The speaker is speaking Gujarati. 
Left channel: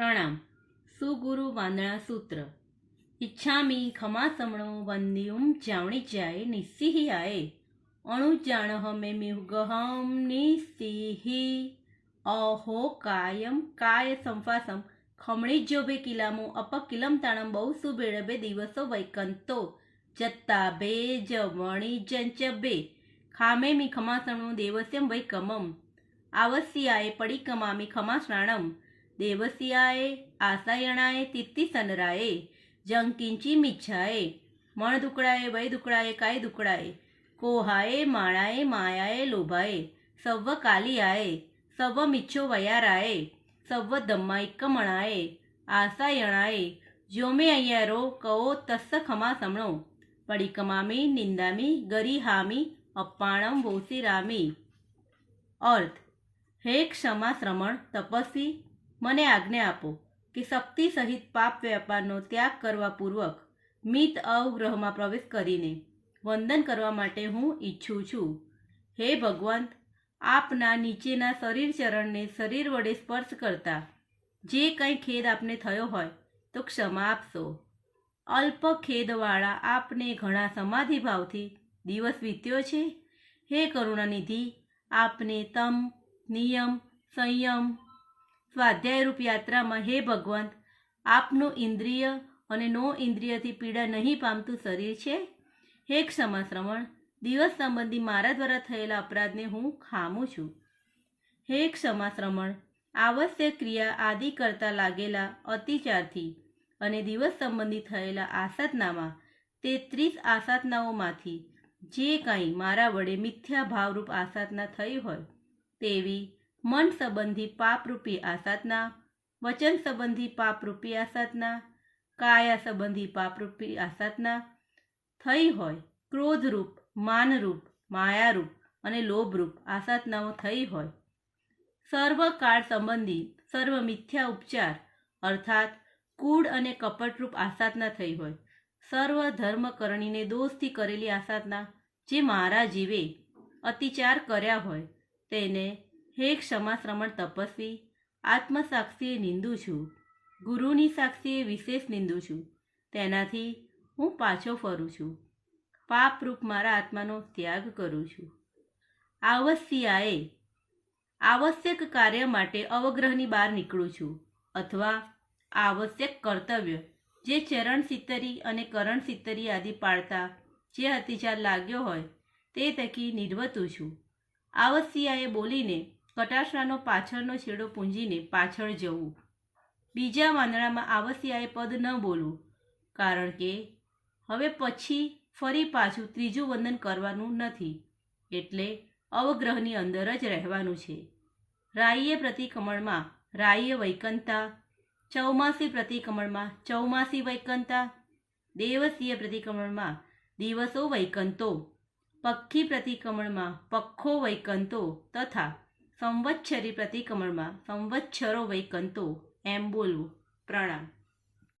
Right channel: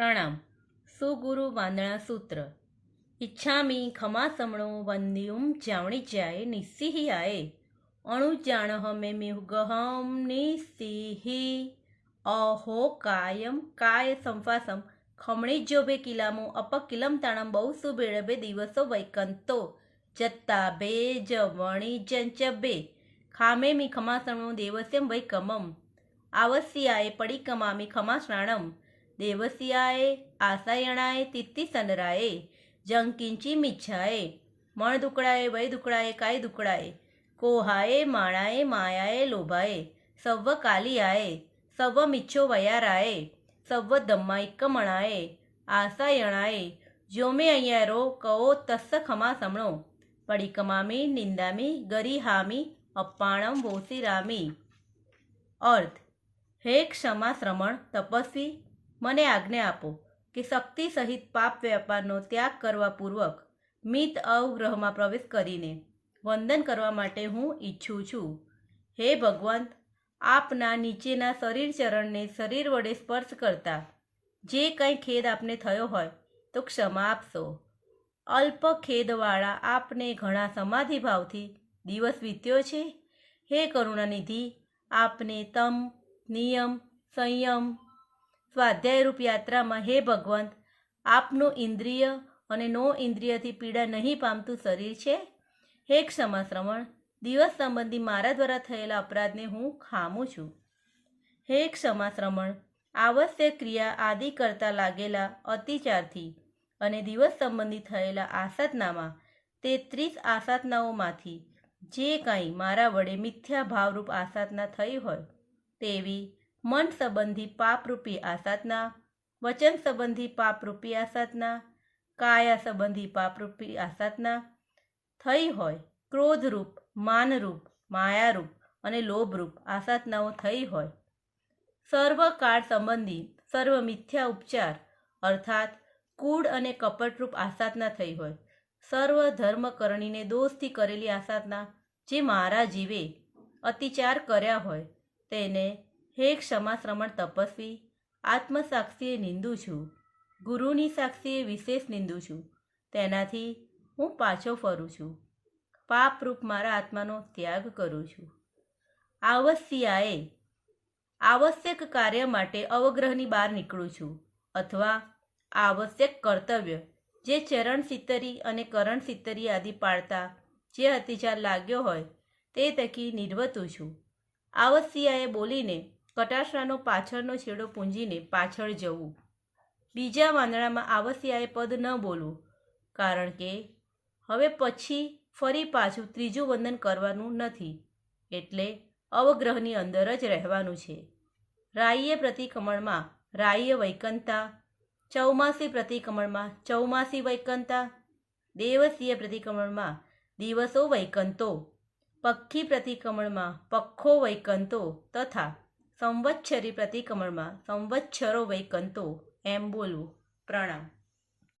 પ્રણામ. સુગુરુ વાંદણા સૂત્ર. ઈચ્છામી ખમાસમણો વંદ્યુમ જાવણી જાય નિસ્સિહી આયે અણુ જાણ હમે મિહુગહમ નિસ્સિહી અહો કાયમ કાય સંફાસમ ખમણી જોબે કિલામો અપકિલમ તાણમ બહુ સુબેળબે દિવસો વૈકંતો જત્તા બે જવણી જંચબે ખામે મી ખમાસણો દેવસ્યમ વૈકમમ આવસ્યાય પડીકમામી ખમાશ્રાણમ દેવસ્યાએ આસાયણાએ તિત્તિ સનરાએ જંકિંચી મિચ્છાએ મણ દુકડાએ વય દુકડાએ કાય દુકડાએ કોહાએ માણાએ માયાએ લોભાએ સવ્વ કાલિયાએ સવ્વ મિચ્છો વયારાએ સવ્વ ધમ્માઇકમણાએ આસાયણાએ જોમે અય્યારો કહો તસ્સ ખમા સમણો પડીકમામી નિંદામી ગરીહામી અપ્પાણમ વોસીરામી. અર્થ: હે ક્ષમા શ્રમણ તપસ્વી, મને આજ્ઞા આપો કે શક્તિ સહિત પાપ વ્યાપારનો ત્યાગ કરવા પૂર્વક મિત અવગ્રહમાં પ્રવેશ કરીને વંદન કરવા માટે હું ઈચ્છું છું. હે ભગવંત, આપના નીચેના શરીર ચરણને શરીર વડે સ્પર્શ કરતા જે કંઈ ખેદ આપને થયો હોય તો ક્ષમા આપશો. અલ્પ ખેદવાળા આપને ઘણા સમાધિભાવથી દિવસ વીત્યો છે. હે કરુણાનિધિ, આપને તમ, નિયમ, સંયમ, સ્વાધ્યાયરૂપ યાત્રામાં હે ભગવંત, આપનું ઇન્દ્રિય અને નો ઇન્દ્રિયથી પીડા નહીં પામતું શરીર છે. હે ક્ષમા શ્રવણ, દિવસ સંબંધી મારા દ્વારા થયેલા અપરાધને હું ખામું છું. હે ક્ષમા શ્રવણ, આવશ્યક ક્રિયા આદિ કરતા લાગેલા અતિચારથી અને દિવસ સંબંધી થયેલા આસાધનામાં 33 આસાધનાઓમાંથી જે કાંઈ મારા વડે મિથ્યા ભાવરૂપ આસાધના થઈ હોય તેવી મન સંબંધી પાપરૂપી આસાધના, વચન સંબંધી પાપરૂપી આસાધના, કાયા સંબંધી પાપરૂપી આસાધના થઈ હોય, ક્રોધરૂપ, માનરૂપ, માયારૂપ અને લોભરૂપ આસાધનાઓ થઈ હોય, સર્વ કાળ સંબંધી સર્વ મિથ્યા ઉપચાર અર્થાત કૂડ અને કપટરૂપ આસાધના થઈ હોય, સર્વ ધર્મકરણીને દોષથી કરેલી આસાધના જે મારા જીવે અતિચાર કર્યા હોય તેને હે ક્ષમા શ્રમણ તપસ્વી, આત્મસાક્ષીએ નિંદું છું. ગુરુની સાક્ષીએ વિશેષ નિંદું છું. તેનાથી હું પાછો ફરું છું. પાપરૂપ મારા આત્માનો ત્યાગ કરું છું. આવસ્યાએ આવશ્યક કાર્ય માટે અવગ્રહની બહાર નીકળું છું અથવા આવશ્યક કર્તવ્ય જે ચરણ સિત્તરી અને કરણ સિત્તરી આદિ પાળતા જે અતિચાર લાગ્યો હોય તે થકી નિર્વતું છું. આવસ્યાએ બોલીને કટાક્ષરાનો પાછળનો છેડો પૂંજીને પાછળ જવું. બીજા વાંદણામાં આવસ્યાએ પદ ન બોલવું, કારણ કે હવે પછી ફરી પાછું ત્રીજું વંદન કરવાનું નથી, એટલે અવગ્રહની અંદર જ રહેવાનું છે. રાય્ય પ્રતિક્રમણમાં રાય્ય વૈકંતા, ચૌમાસી પ્રતિક્રમણમાં ચૌમાસી વૈકંતા, દેવસીય પ્રતિક્રમણમાં દિવસો વૈકંતો, પક્ષી પ્રતિક્રમણમાં પક્ષો વૈકંતો તથા સંવત્સરી પ્રતિક્રમણમાં સંવત્સરો વૈકંતો એમ બોલવું. પ્રણામ.